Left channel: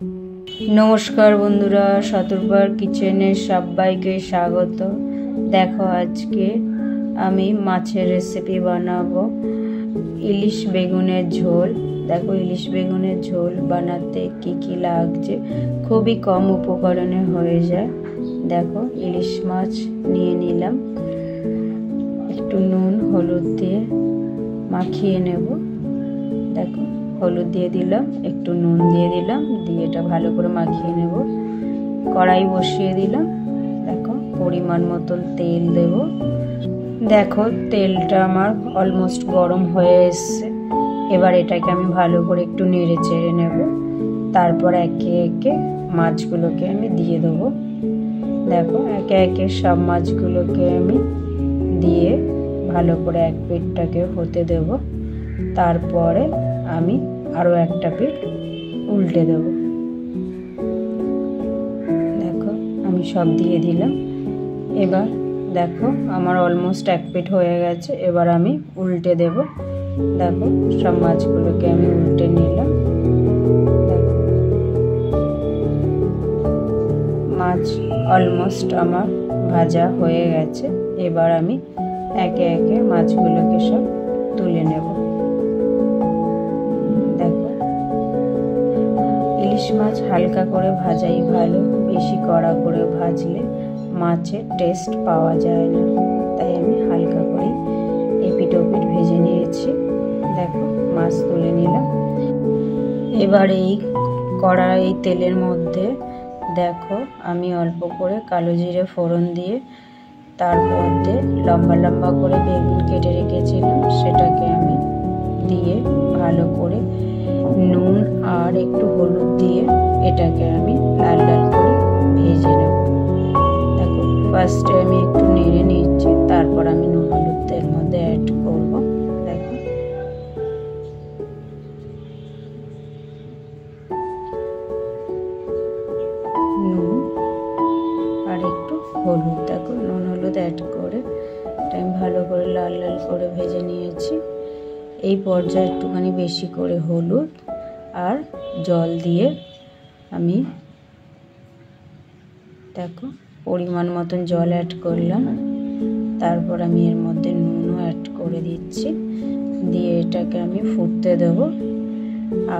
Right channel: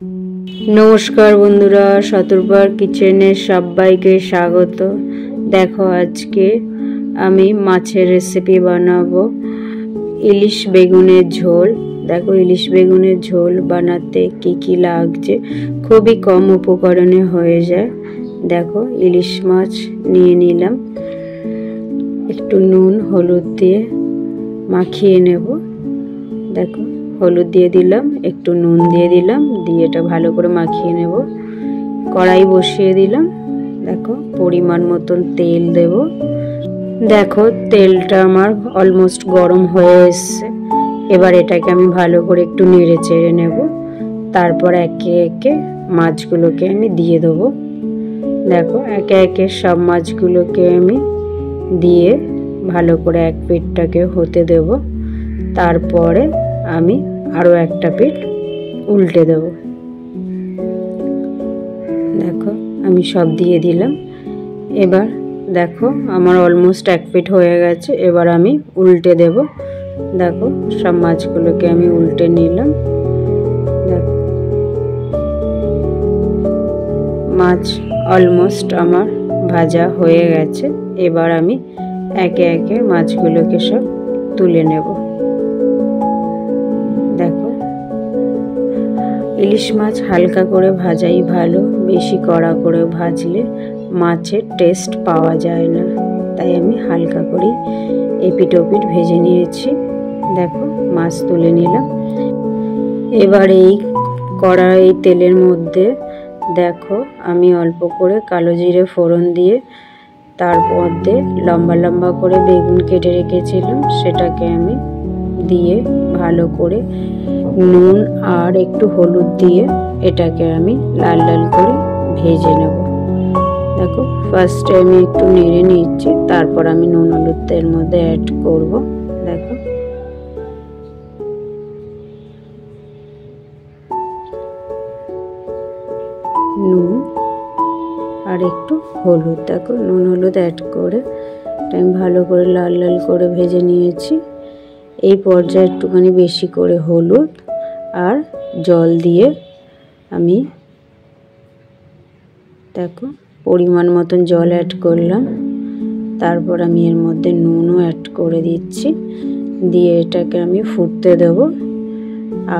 নমস্কার বন্ধুরা, শতরূপার কিচেনে সবাইকে স্বাগত। দেখো আজকে আমি মাছের রেসিপি বানাবো, ইলিশ বেগুনের ঝোল। দেখো ইলিশ বেগুনের ঝোল বানাতে কি কি লাগছে, খুবই কম উপকরণে হয়ে যায়। দেখো ইলিশ মাছ নিয়ে নিলাম, একটু নুন হলুদ দিয়ে মাখিয়ে নেব। দেখো হলুদ দিয়ে দিলাম, একটু নুন দিয়ে দিলাম, দিয়ে এটা ভালো করে মাখিয়ে নেব। কড়াই বসিয়ে দিলাম, দেখো পরিমাণ মতন তেল দেব। দেখো তেলটা আমার অলমোস্ট গরম হয়ে এসছে। এবার এটাকে আমি ভালো করে একটু নেড়ে চেড়ে নেব। তারপর একে একে মাছগুলোকে আমি দিয়ে দেবো। দেখো একে একে সব মাছগুলোকে আমি দিয়ে ভালো করে এক পিঠটাকে হতে দেব। তারপরে আমি আরও একটা পিঠ উল্টে দেব। দেখো আমি সব দিয়ে দিলাম। এবার দেখো আমার অলমোস্ট এক পিঠ হয়ে গেছে। এবার আমি উল্টে দেব। দেখো সব মাছগুলোকে আমি উল্টে নিলাম। দেখো মাছ অলমোস্ট আমার ভাজা হয়ে গেছে। এবার আমি একে একে মাছগুলোকে সব তুলে নেব। ইলিশ মাছ হালকা করে ভাজাই ভালো, বেশি কড়া করে ভাজলে মাছের টেস্ট পাওয়া যায় না। তাই আমি হালকা করে এপিট ওপিট ভেজে নিয়েছি। দেখো মাছ তুলে নিলাম। এবার এই কড়াই তেলের মধ্যে দেখো আমি অল্প করে কালো জিরে ফোড়ন দিয়ে, তার মধ্যে লম্বা লম্বা করে বেগুন কেটে রেখেছিলাম, সেটাকে আমি দিয়ে ভালো করে নুন আর একটু হলুদ দিয়ে এটাকে আমি লাল লাল করে ভেজে নেব। দেখো ফার্স্টে আমি একটু নেড়ে নিচ্ছি, তারপর আমি নুন হলুদের মধ্যে অ্যাড করব। দেখো নুন আর একটু হলুদ, দেখো নুন হলুদ অ্যাড করে আমি ভালো করে লাল লাল করে ভেজে নিয়েছি। এই পর্যায়ে একটুখানি বেশি করে হলুদ আর জল দিয়ে আমি দেখো পরিমাণ মতন জল অ্যাড করলাম। তারপর আমি এর মধ্যে নুনও অ্যাড করে দিচ্ছি, দিয়ে এটাকে আমি ফুটতে দেব।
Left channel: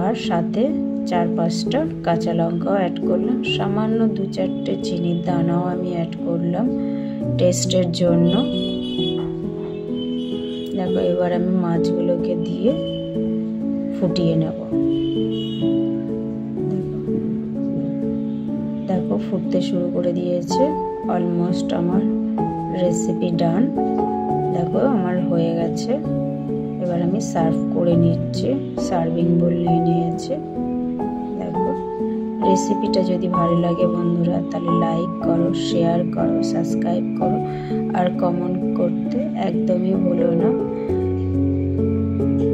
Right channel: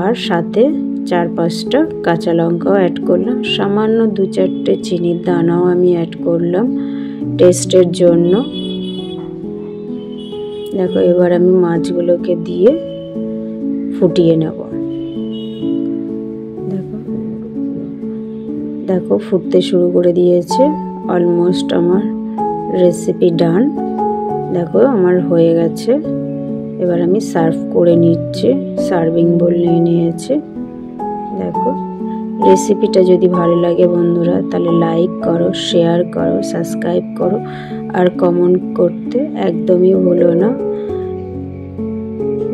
আর সাথে 4-5টা কাঁচা লঙ্কাও অ্যাড করলাম, সামান্য 2-4টে চিনির দানাও আমি অ্যাড করলাম টেস্টের জন্য। দেখো এবার আমি মাছগুলোকে দিয়ে ফুটিয়ে নেব। দেখো ফুটতে শুরু করে দিয়েছে, অলমোস্ট আমার রেসিপি ডান। দেখো আমার হয়ে গেছে। এবার আমি সার্ভ করে নিচ্ছি, সার্ভিং বোল নিয়ে নিয়েছে। দেখো রেসিপিটা যদি ভালো লাগে বন্ধুরা, তাহলে লাইক করো, শেয়ার করো, সাবস্ক্রাইব করো আর কমেন্ট করতে একদমই ভুলো না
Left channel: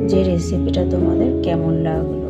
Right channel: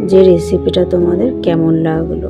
যে রেসিপিটা তোমাদের কেমন লাগলো।